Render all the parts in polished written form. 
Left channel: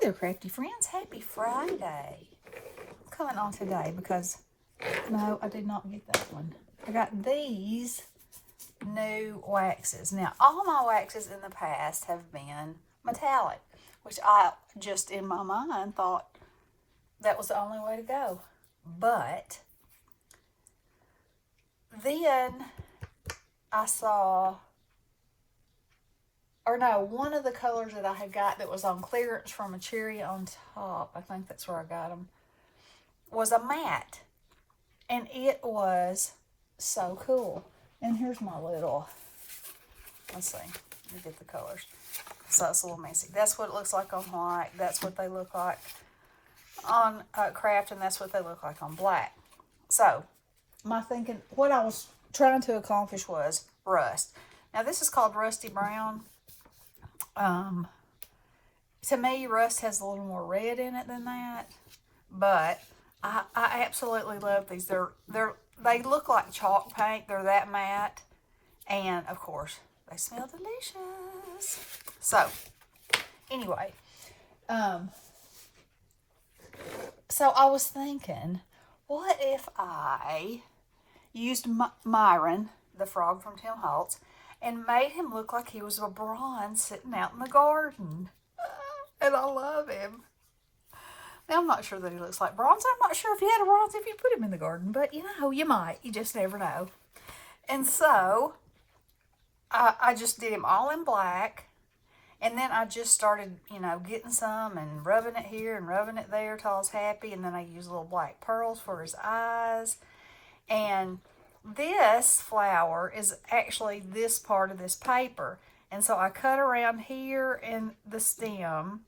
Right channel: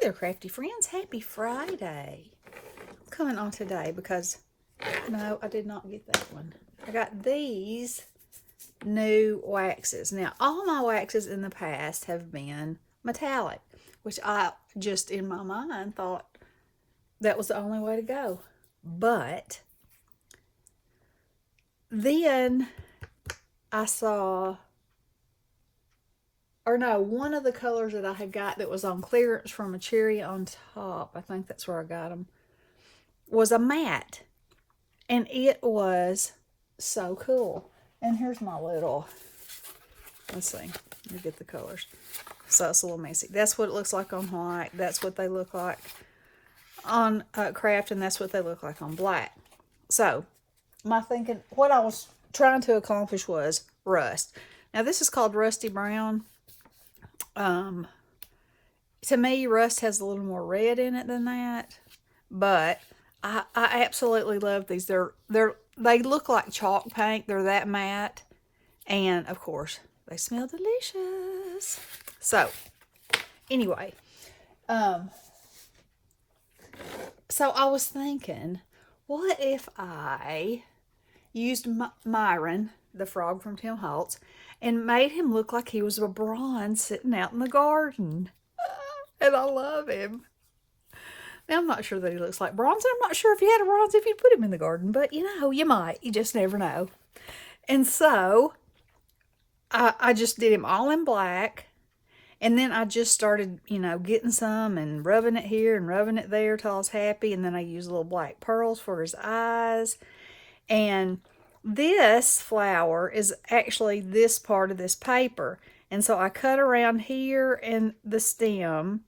there, Crafty Friends. Happy Friday. I'm coming on today because, no, I did not get that one. I got these new waxes. Now, all my waxes in the past have been metallic, which I just in my mind thought that was the only way to go. But then I saw, or no, one of the colors that I had got that was on clearance from a cherry on top, I think that's where I got them, was a matte. And it was so cool. And here's my little, let's see, let me get the colors. So it's a little messy. That's what it looks like on white. That's what they look like on craft, and that's what they look like on black. So my thinking, what I was trying to accomplish was rust. Now this is called Rusty Brown. To me, rust has a little more red in it than that, but I absolutely love these. They look like chalk paint. They're that matte, and of course they smell delicious. So anyway, so I was thinking, what if I used Myron, the frog from Tim Holtz, and made him look like he was a bronze sitting out in the garden? And I love him. Now, I'm not sure that he looks like bronze. I'm not sure if he had a bronze if you'd put him in the garden, but you might. You just never know. And so I just did him all in black. And then I just started, getting some and rubbing it here and rubbing it there till I was happy. And then I used little black pearls for his eyes. And this flower is actually this part of this paper. And so I cut around here in the stem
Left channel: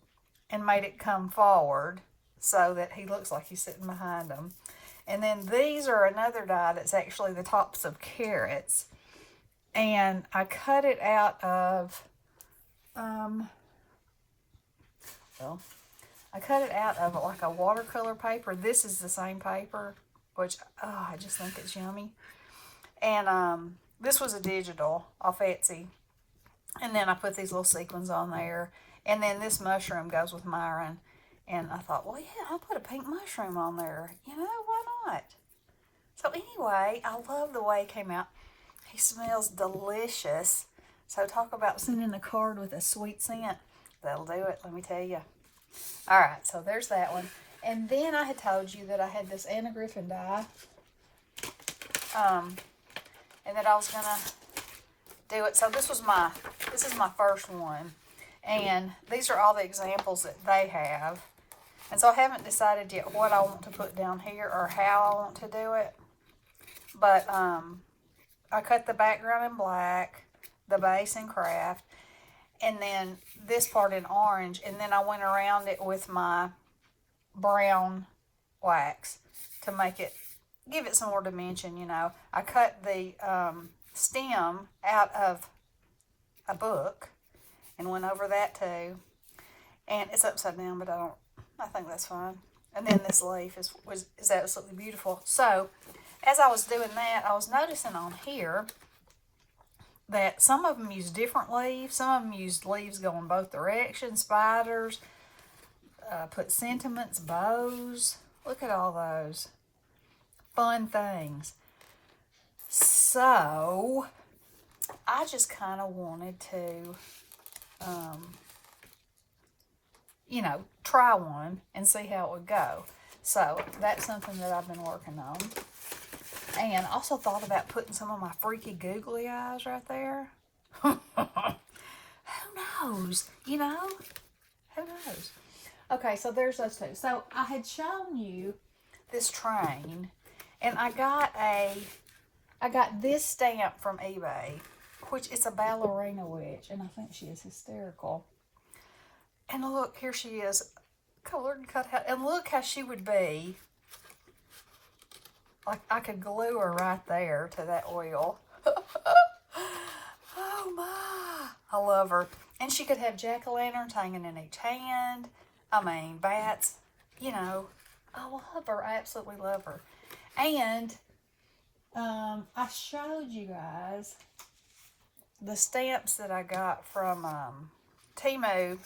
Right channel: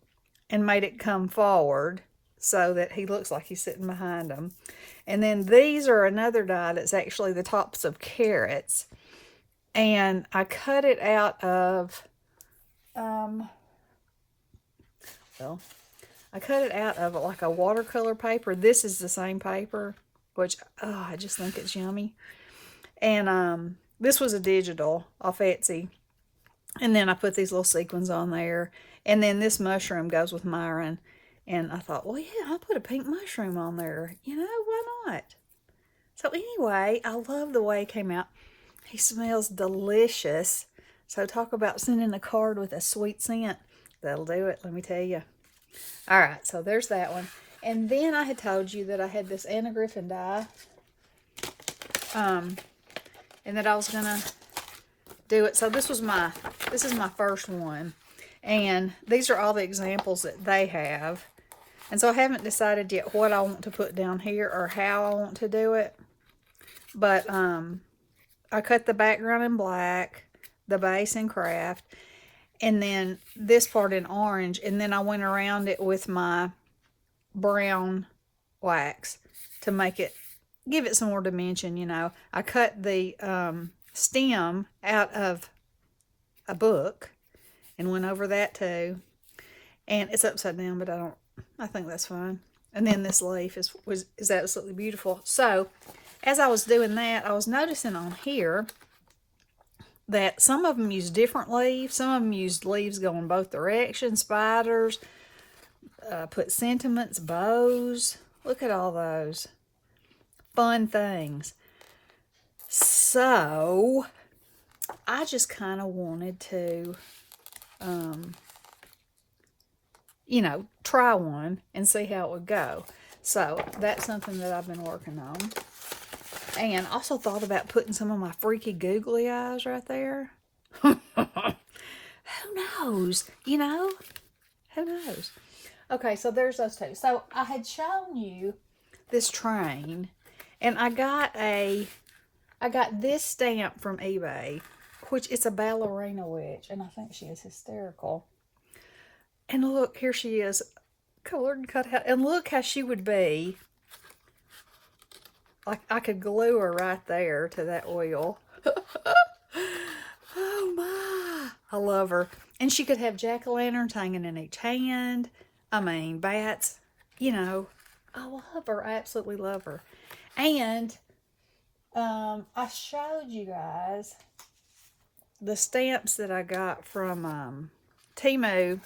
and made it come forward so that he looks like he's sitting behind them. And then these are another die that's actually the tops of carrots. And I cut it out of, I cut it out of like a watercolor paper. This is the same paper, which, I just think it's yummy. And this was a digital off Etsy. And then I put these little sequins on there. And then this mushroom goes with Myron. And I thought, well, yeah, I'll put a pink mushroom on there. Why not? So anyway, I love the way it came out. He smells delicious. So talk about sending a card with a sweet scent. That'll do it, let me tell you. All right, so there's that one. And then I had told you that I had this Anna Griffin die. And that I was going to do it. So this is my first one. And these are all the examples that they have. And so I haven't decided yet what I want to put down here or how I want to do it. But I cut the background in black, the base in craft, and then this part in orange. And then I went around it with my brown wax to give it some more dimension, I cut the stem out of a book and went over that too. And it's upside down, but I think that's fine. And then this leaf is absolutely beautiful. So as I was doing that, I was noticing on here that some of them use different leaves. Some of them used leaves going both directions, spiders, put sentiments, bows. Look at all those fun things. So I just kind of wanted to, try one and see how it would go. So that's something that I've been working on. And also thought about putting some of my freaky googly eyes right there. Who knows? Who knows? Okay, so there's those two. So I had shown you this train, and I got this stamp from eBay, which is a ballerina witch, and I think she is hysterical. And look, here she is, colored and cut out. And look how she would be. Like I could glue her right there to that oil. Oh my! I love her. And she could have jack-o'-lanterns hanging in each hand. I mean, bats. I love her. I absolutely love her. And I showed you guys the stamps that I got from Temu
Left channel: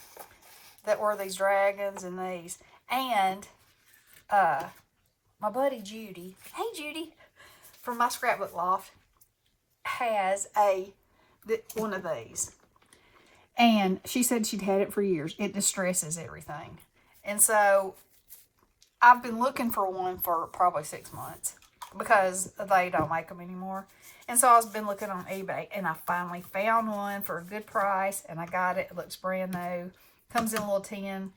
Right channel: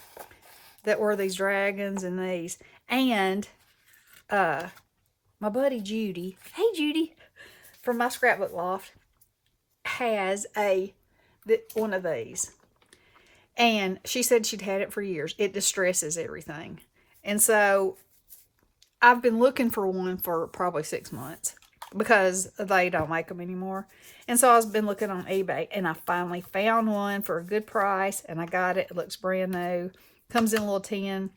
that were these dragons and these. And my buddy Judy, hey Judy, from my scrapbook loft, has one of these. And she said she'd had it for years. It distresses everything. And so I've been looking for one for probably 6 months because they don't make them anymore. And so I've been looking on eBay, and I finally found one for a good price, and I got it. It looks brand new. Comes in a little tin,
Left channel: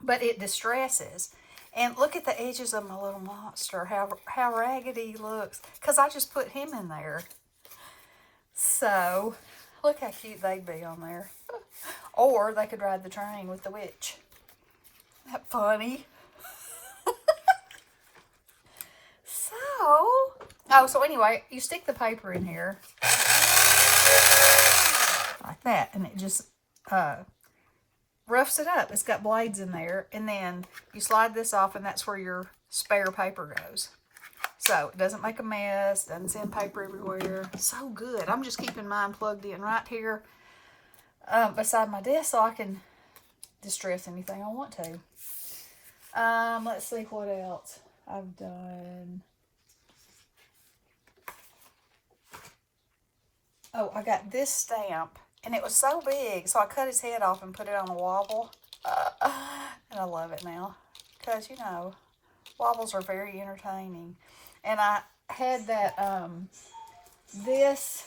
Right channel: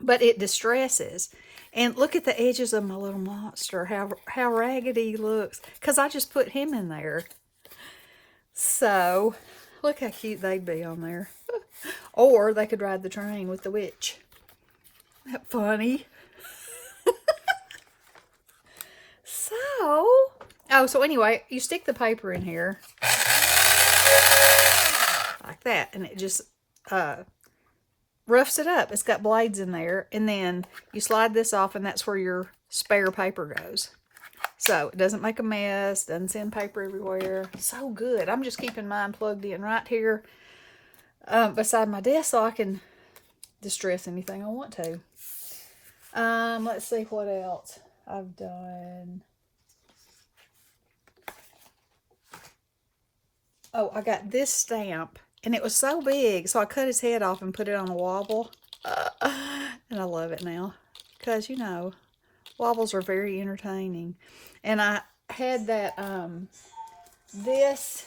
but it distresses. And look at the edges of my little monster, how raggedy he looks, because I just put him in there. So look how cute they'd be on there. Or they could ride the train with the witch. Isn't that funny? So anyway, you stick the paper in here like that, and it just roughs it up. It's got blades in there, and then you slide this off, and that's where your spare paper goes. So it doesn't make a mess, doesn't send paper everywhere. So good. I'm just keeping mine plugged in right here beside my desk so I can distress anything I want to. Let's see what else I've done. Oh, I got this stamp, and it was so big, so I cut his head off and put it on a wobble. And I love it now, because, you know, wobbles are very entertaining. And I had that, this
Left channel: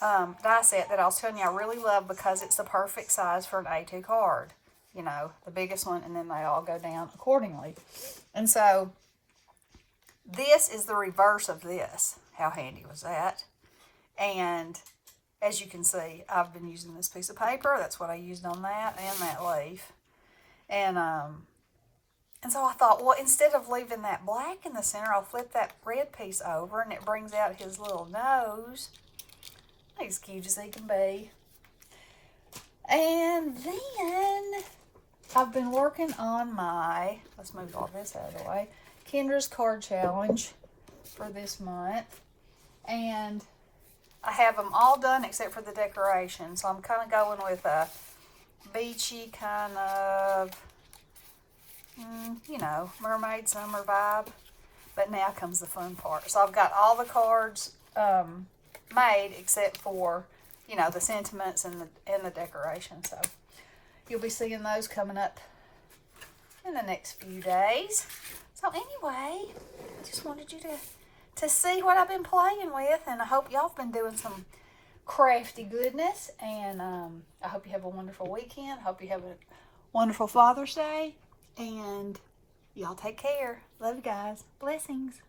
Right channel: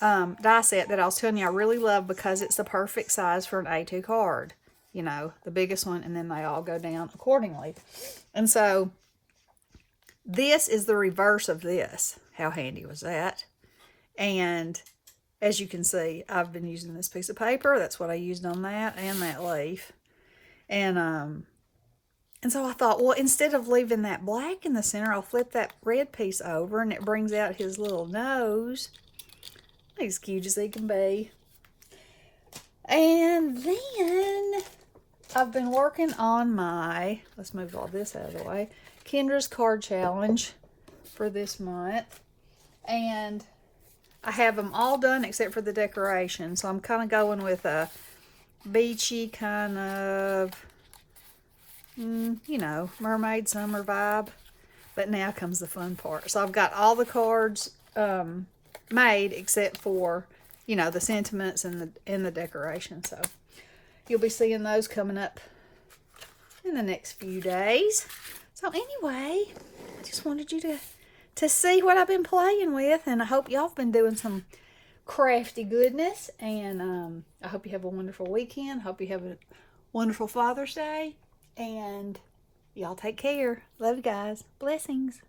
die set that I was telling you I really love because it's the perfect size for an A2 card. You know, the biggest one, and then they all go down accordingly. And so, this is the reverse of this. How handy was that? And as you can see, I've been using this piece of paper. That's what I used on that and that leaf. And so I thought, well, instead of leaving that black in the center, I'll flip that red piece over, and it brings out his little nose. He's cute as he can be. And then I've been working on my, let's move all this out of the way, Kendra's card challenge for this month. And I have them all done except for the decoration. So I'm kind of going with a beachy kind of, you know, mermaid summer vibe. But now comes the fun part. So I've got all the cards made except for, you know, the sentiments and the decoration. So you'll be seeing those coming up in the next few days. So anyway, I just wanted you to see what I've been playing with, and I hope y'all have been doing some crafty goodness, and I hope you have a wonderful weekend. Hope you have a wonderful Father's Day, and y'all take care. Love you guys. Blessings.